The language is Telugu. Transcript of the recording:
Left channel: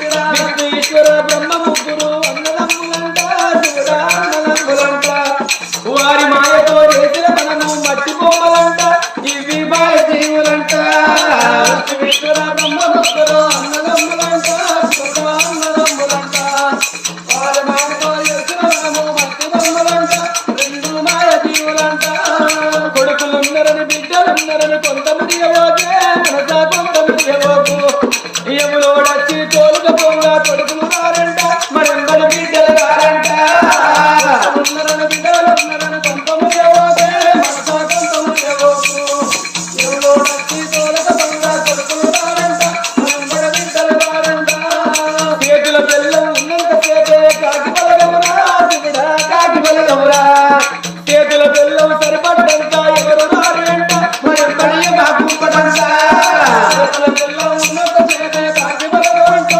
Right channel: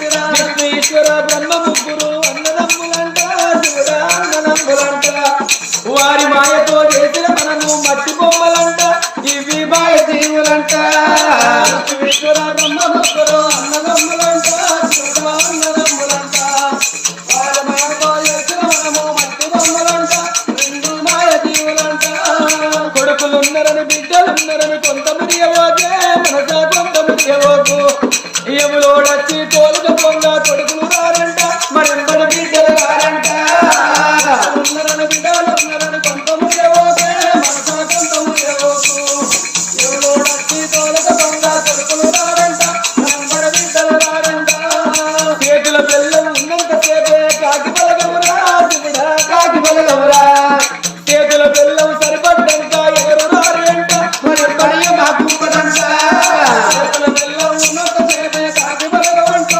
విష్ణు ఈశ్వర బ్రహ్మ ముగ్గురు అన్నదమ్ములంట శివుడ అన్నదమ్ములంట వారి మాయతో చేసిన మనము మట్టి బొమ్మలంట ఇవి మాయ జీవులంట ఈశ్వర బ్రహ్మ ముగ్గురు అన్నదమ్ములంట శివుడ అన్నదమ్ములంట వారి మాయతో చేసిన మనము మట్టి బొమ్మలంట రెండు మాయ జీవులంట కొడుకులున్నరని బిడ్డలున్నరని కొంత మురియవోకే మనస కొంత మురియవోకు ఎవరోడచ్చి తోలుక పొంగ కొడుకులు రారంట మరెంబడి బిడ్డలు రారంట ఉన్నరని బిడ్డలు ఉన్నరని కొంత మురియవోకే మనస కొంత మురియవోకు ఎవరోడచ్చి తోలుక పొంగ కొడుకులు రారంట మరెంబడి బిడ్డలు రారంట చేతుల బెల్లం ఉన్నంత సేపే కాకి బలగమురా శివుడా కాకి బలగమురా